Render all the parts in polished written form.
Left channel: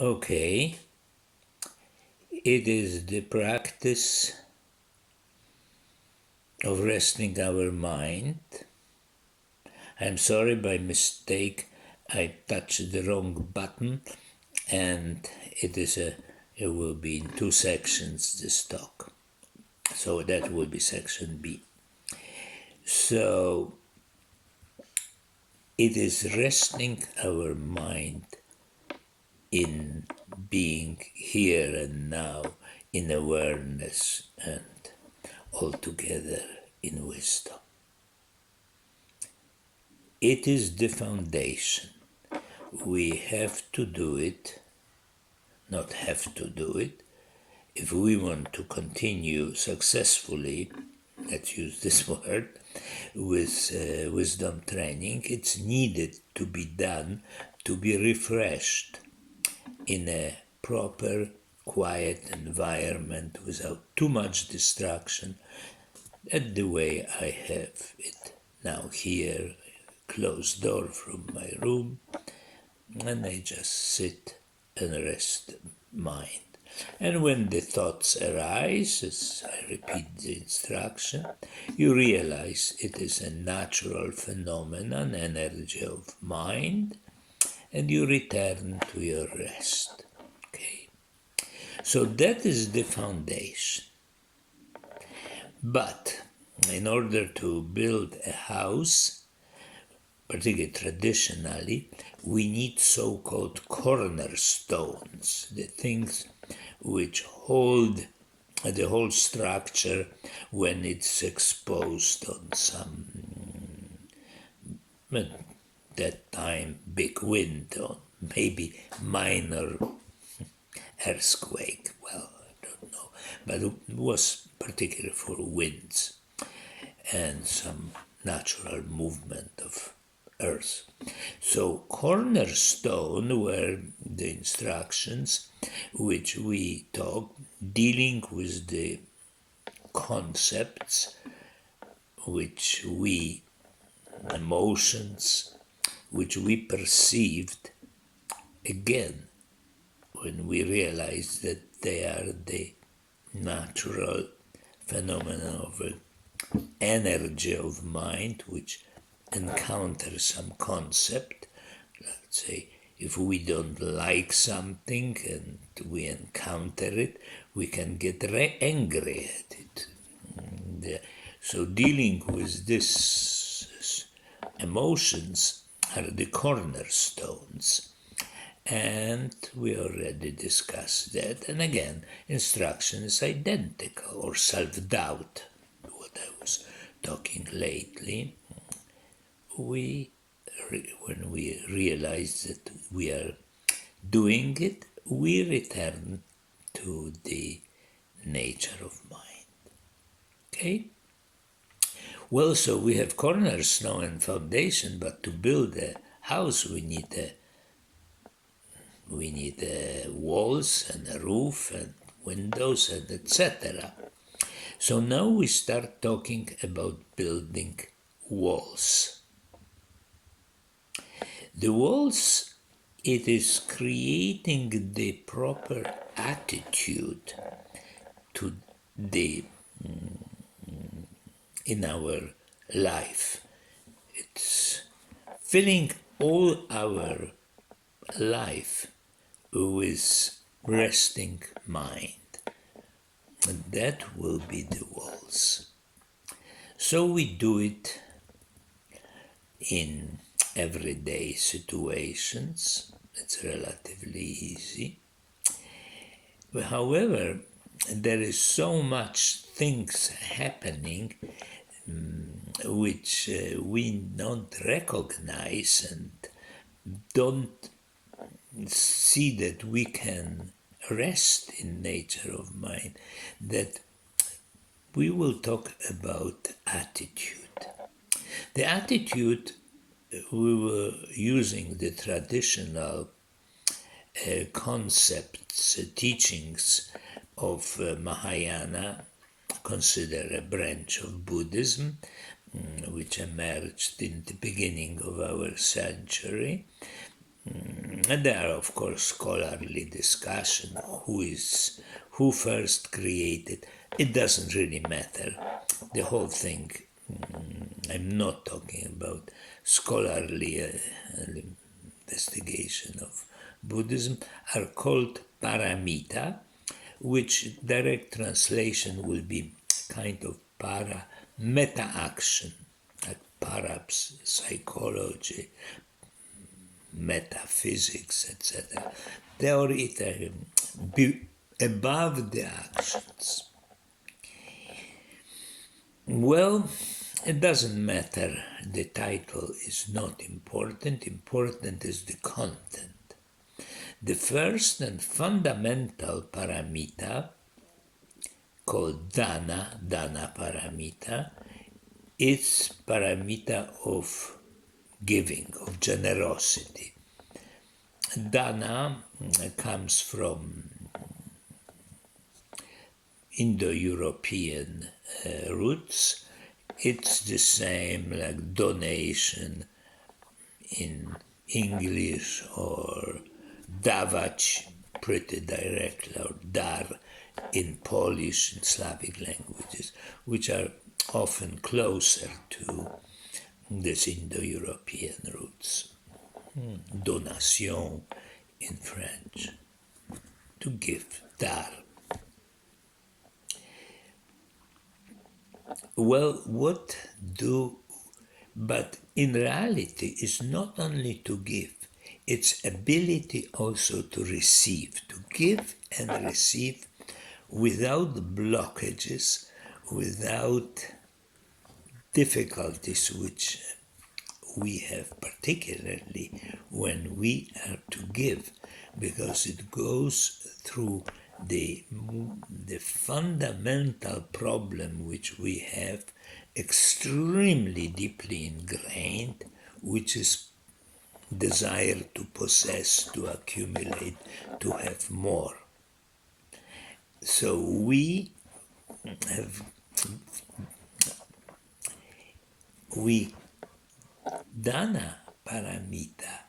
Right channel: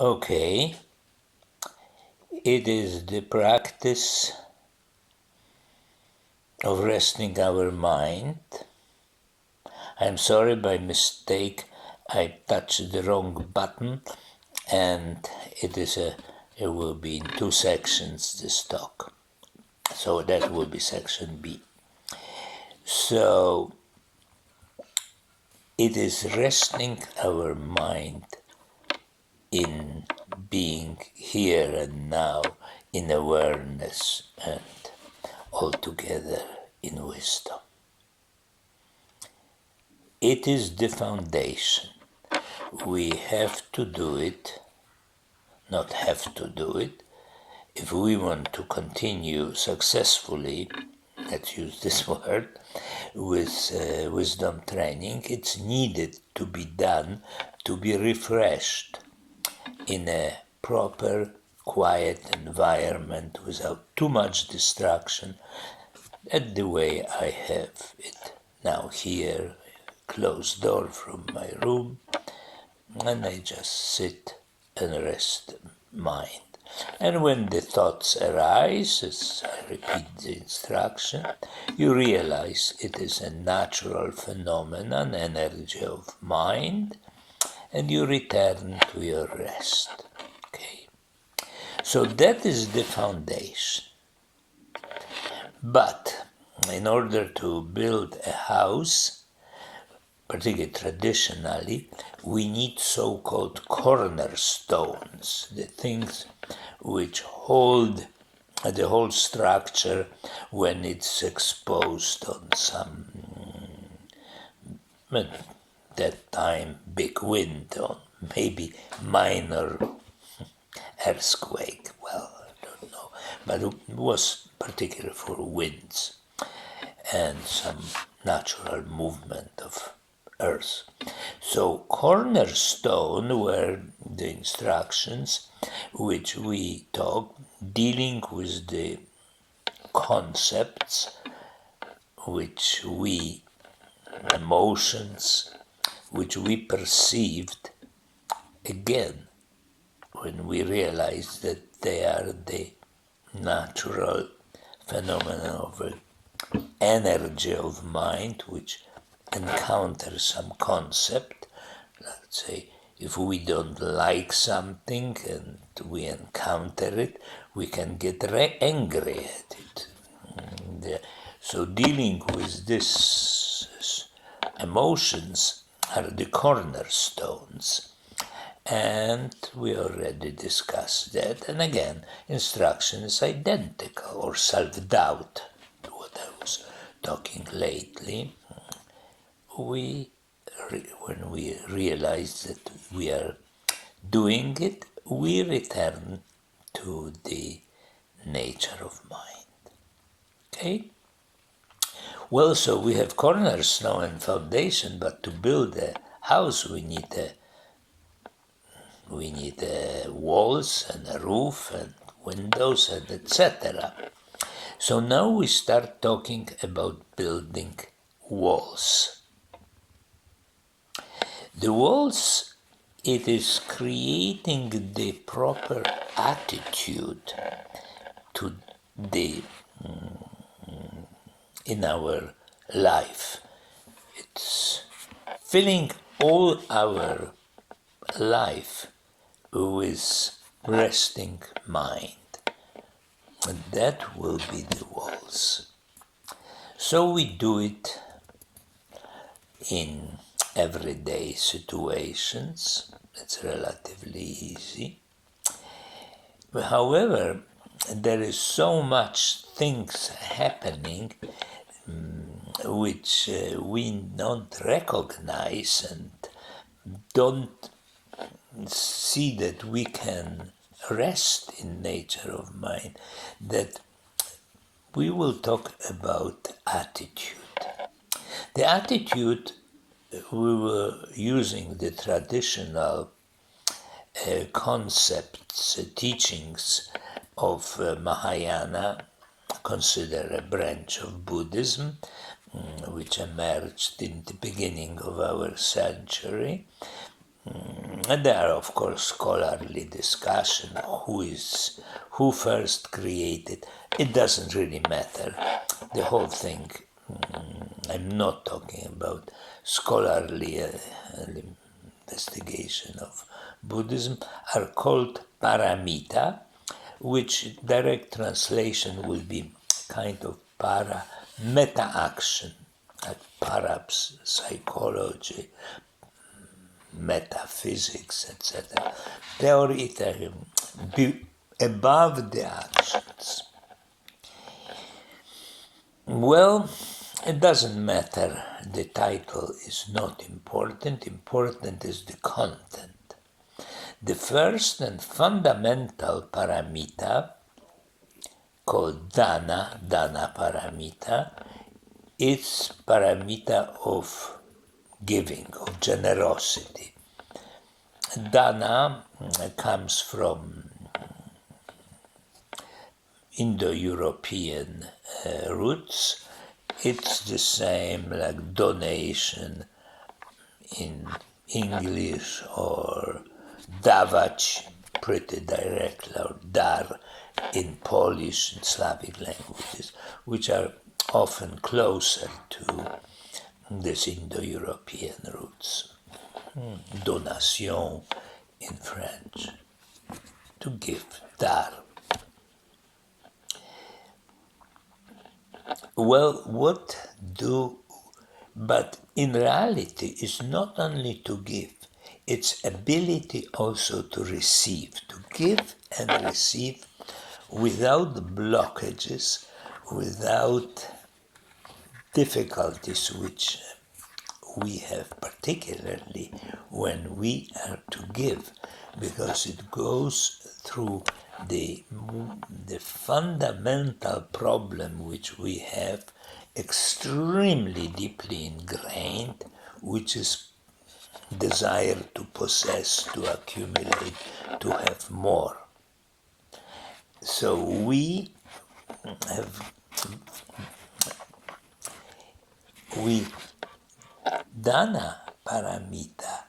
Okay, it is the practice of resting our mind. I'm sorry, by mistake, I touched the wrong button, and it will be in two sections, this talk. So that will be section B. So it is resting our mind in being here and now, in awareness, and altogether in wisdom. It is the foundation. We have to do it, not have to do it. If we want to continue successfully, let's use this word, with wisdom training, it's needed to be done, to be refreshed in a proper, quiet environment without too much distraction, at the way I have it now here, closed door from my room, and I just sit and rest mind. And when the thoughts arise, as I repeat the instruction, you realize it is a natural phenomenon, energy of mind, and you return to your rest. Okay. So that is the foundation. But in order to build a house, particularly traditionally, we need so-called cornerstones, the things which hold the whole structure when it's exposed on some, that time, big wind, or maybe minor earthquake. Well, I don't know, but it was particularly for winds and some natural movement of earth. So cornerstone were the instructions which we talk, dealing with the concepts which we, emotions, which we perceived, again, when we realize that they are the natural phenomena of an energy of mind which encounters some concept. Let's say if we don't like something and we encounter it, we can get angry at it. So dealing with these emotions are the cornerstones. And we already discussed that. And again, instruction is identical, or self-doubt, what I was talking lately. When we realize that we are doing it, we return to the nature of mind. Okay? Well, so we have cornerstone and foundation, but to build a house we need walls and a roof and windows and etc. So now we start talking about building walls. The walls, it is creating the proper attitude to the in our life. It's filling all our life with resting mind. And that will be the walls. So we do it in everyday situations. It's relatively easy. However, there is so much things happening which we don't recognize and don't see that we can rest in nature of mind, that we will talk about attitude. The attitude, we were using the traditional concepts, teachings of Mahayana, considered a branch of Buddhism, which emerged in the beginning of our century. And there are, of course, scholarly discussion who first created. It doesn't really matter. The whole thing. I'm not talking about scholarly investigation of Buddhism. Are called paramita, which direct translation will be kind of meta action, like parapsychology, metaphysics, etc. Theory be above the actions. Well, it doesn't matter. The title is not important. Important is the content. The first and fundamental paramita, called dana paramita, is paramita of giving, of generosity. Dana comes from Indo-European roots. It's the same like donation in English, or dawać, pretty direct, or dar in Polish and Slavic languages, which are often closer to these Indo-European roots. Donation in French, to give, dar. Well, but in reality, it's not only to give, it's ability also to receive, to give and receive without blockages, without difficulties which we have, particularly when we are to give, because it goes through the fundamental problem which we have extremely deeply ingrained, which is desire to possess, to accumulate, to have more. So Dana paramita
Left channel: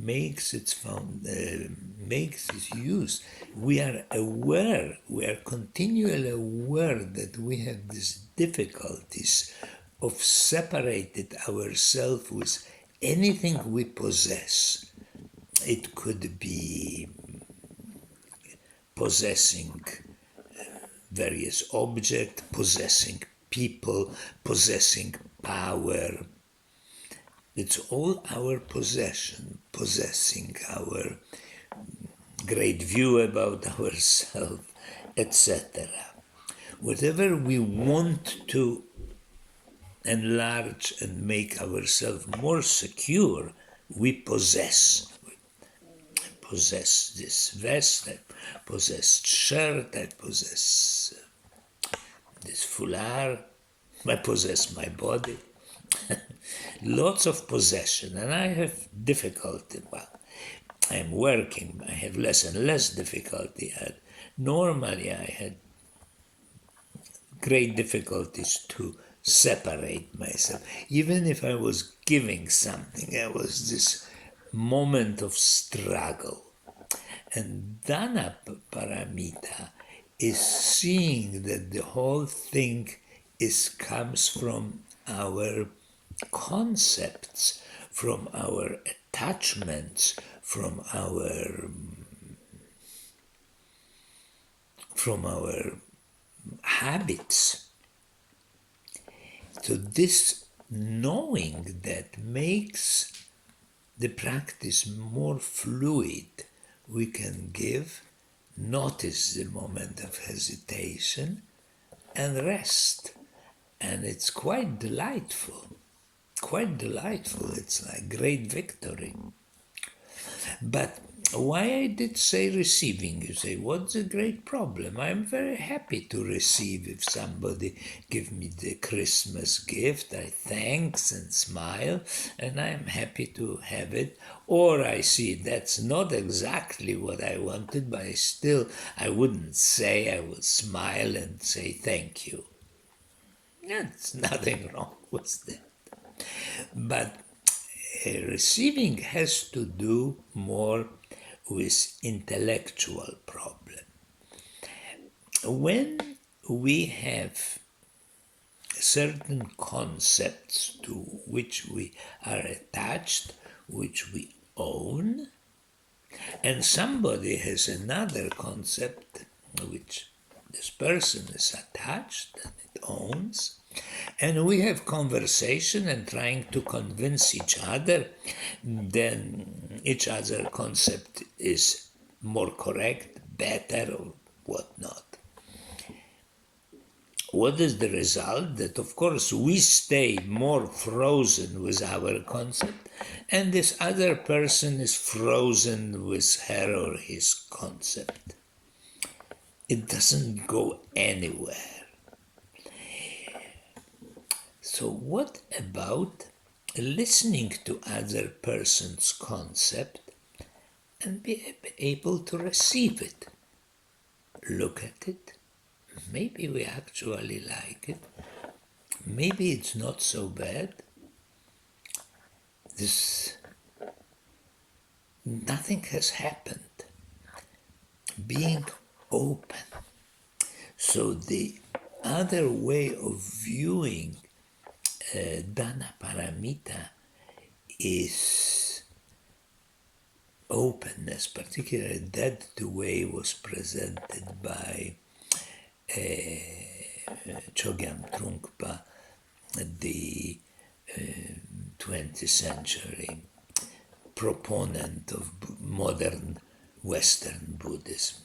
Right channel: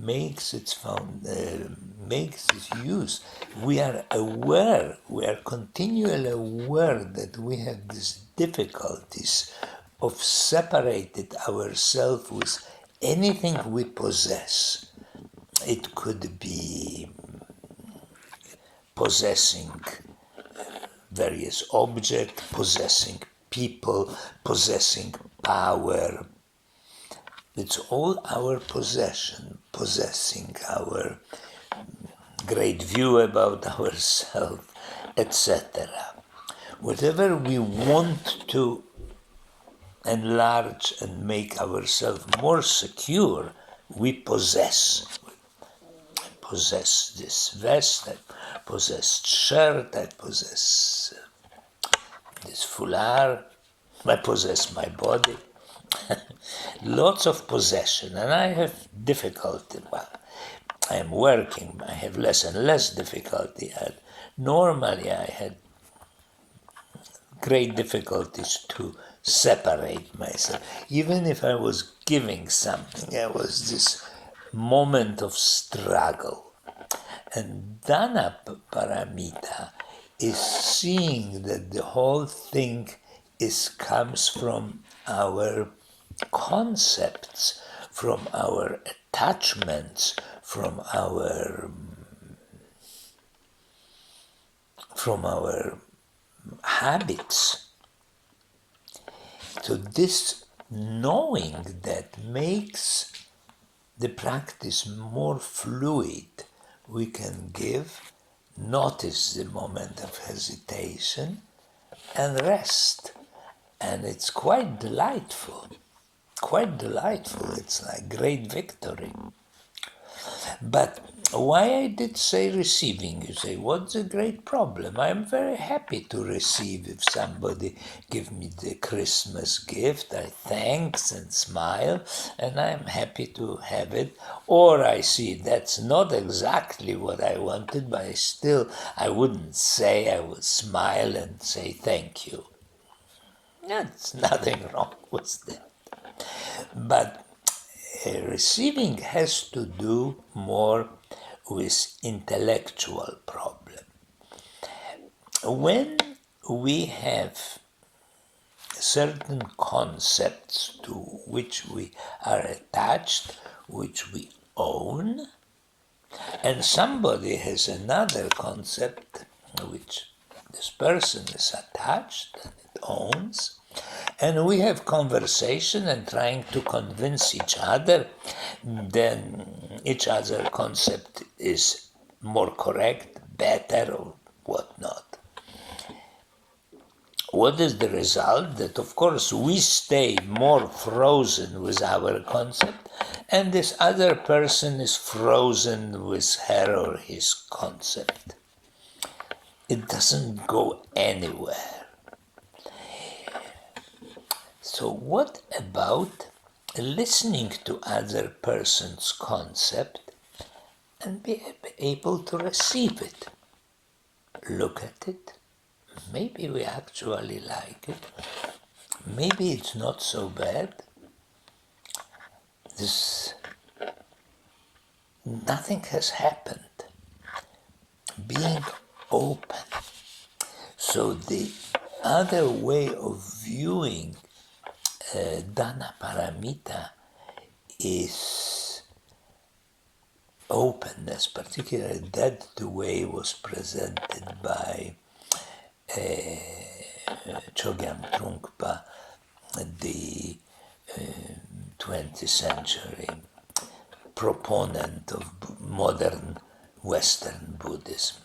makes its use. We are aware, we are continually aware that we have these difficulties of separating ourselves with anything we possess. It could be possessing various objects, possessing people, possessing power. It's all our possession, possessing our great view about ourselves, etc. Whatever we want to enlarge and make ourselves more secure, we possess. I possess this vest, I possess shirt, I possess this foulard, I possess my body. Lots of possession, and I have difficulty. Well, I'm working, I have less and less difficulty. Normally, I had great difficulties to separate myself. Even if I was giving something, there was this moment of struggle. And Dana Paramita is seeing that the whole thing comes from our concepts, from our attachments, from our habits. So this knowing that makes the practice more fluid. We can give, notice the moment of hesitation, and rest. And it's quite delightful. Quite delightful. It's like great victory. But why I did say receiving? You say, what's the great problem? I'm very happy to receive. If somebody give me the Christmas gift, I thanks and smile, and I'm happy to have it. Or I see that's not exactly what I wanted, but I wouldn't say, I would smile and say thank you. There's nothing wrong with that. But receiving has to do more with intellectual problem. When we have certain concepts to which we are attached, which we own, and somebody has another concept which this person is attached and it owns, and we have conversation and trying to convince each other, then each other concept is more correct, better, or whatnot. What is the result? That of course we stay more frozen with our concept, and this other person is frozen with her or his concept. It doesn't go anywhere. So what about listening to other person's concept and be able to receive it? Look at it. Maybe we actually like it. Maybe it's not so bad. Nothing has happened. Being open. So the other way of viewing Dana Paramita is openness, particularly that the way was presented by Chogyam Trungpa, the 20th century proponent of modern Western Buddhism.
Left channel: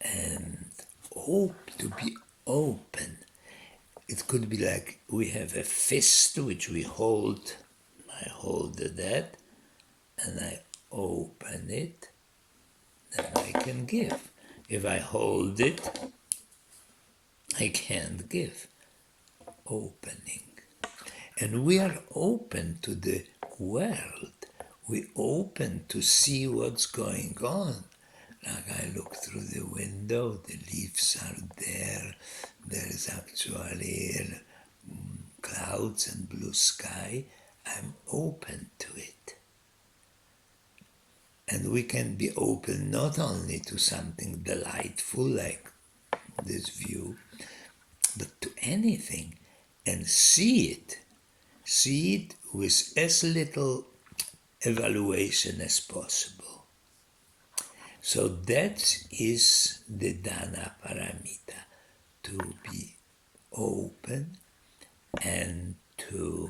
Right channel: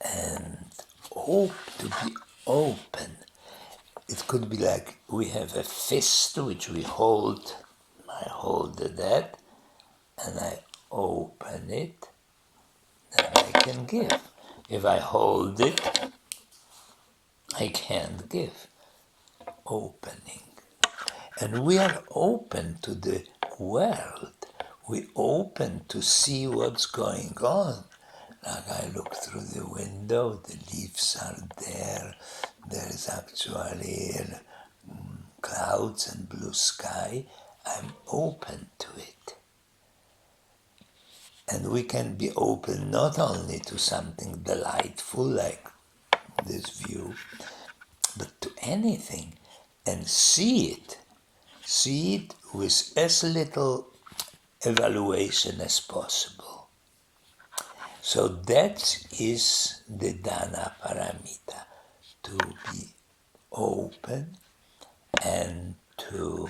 And to be open. It could be like we have a fist which we hold. I hold that and I open it, then I can give. If I hold it, I can't give. Opening. And we are open to the world. We open to see what's going on. Like I look through the window, the leaves are there. There is actually clouds and blue sky. I'm open to it. And we can be open not only to something delightful like this view, but to anything and see it. See it with as little evaluation as possible. So that is the Dana Paramita, to be open and to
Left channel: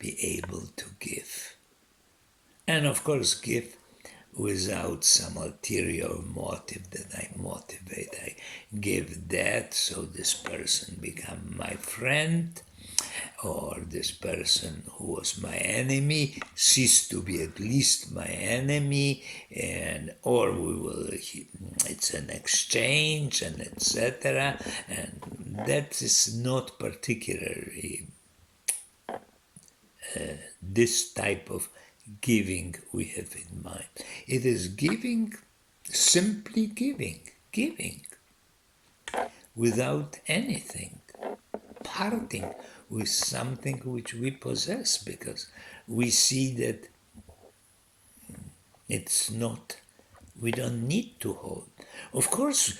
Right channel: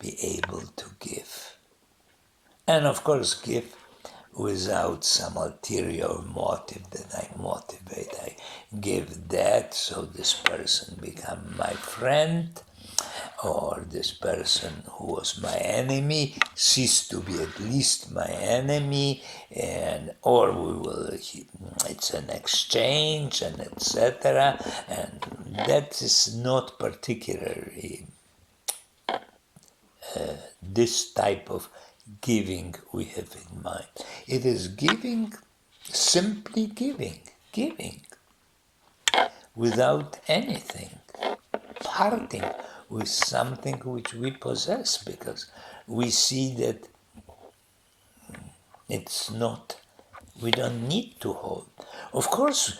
be able to give. And of course give without some ulterior motive that I motivate. I give that so this person become my friend, or this person who was my enemy cease to be at least my enemy, and or we will, it's an exchange, and etc. And that is not particularly this type of giving we have in mind. It is giving, simply giving without anything, parting with something which we possess, because we see that it's not, we don't need to hold. Of course,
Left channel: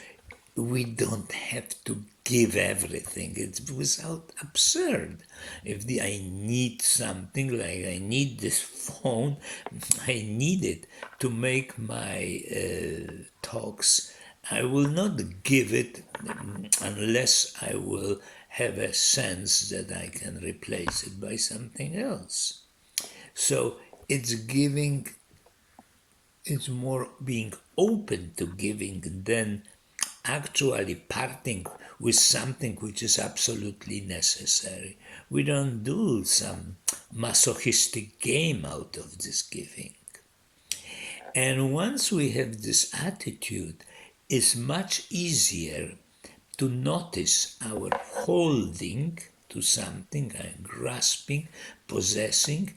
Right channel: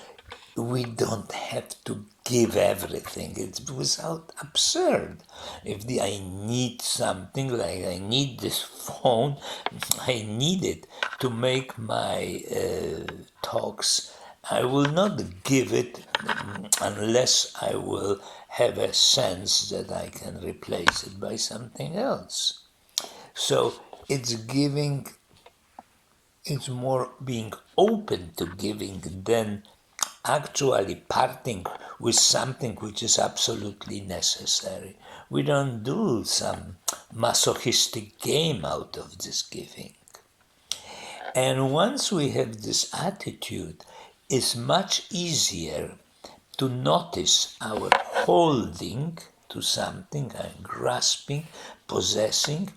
we don't have to give everything. It's without absurd. If I need something, like I need this phone, I need it to make my talks. I will not give it unless I will have a sense that I can replace it by something else. So it's giving, it's more being open to giving than actually parting with something which is absolutely necessary. We don't do some masochistic game out of this giving. And once we have this attitude, it's much easier to notice our holding to something, and grasping, possessing,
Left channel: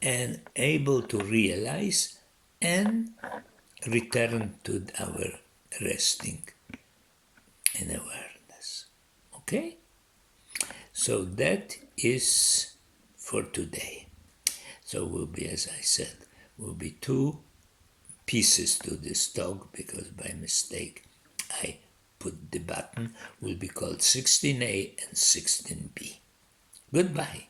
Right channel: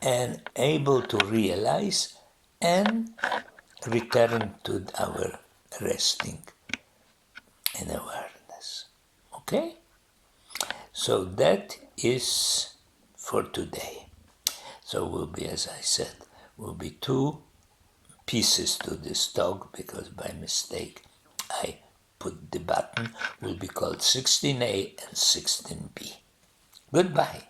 and able to realize and return to our resting in awareness. Okay? So that is for today. So will be, as I said, will be 2 pieces to this dog, because by mistake I put the button, will be called 16A and 16B. Goodbye.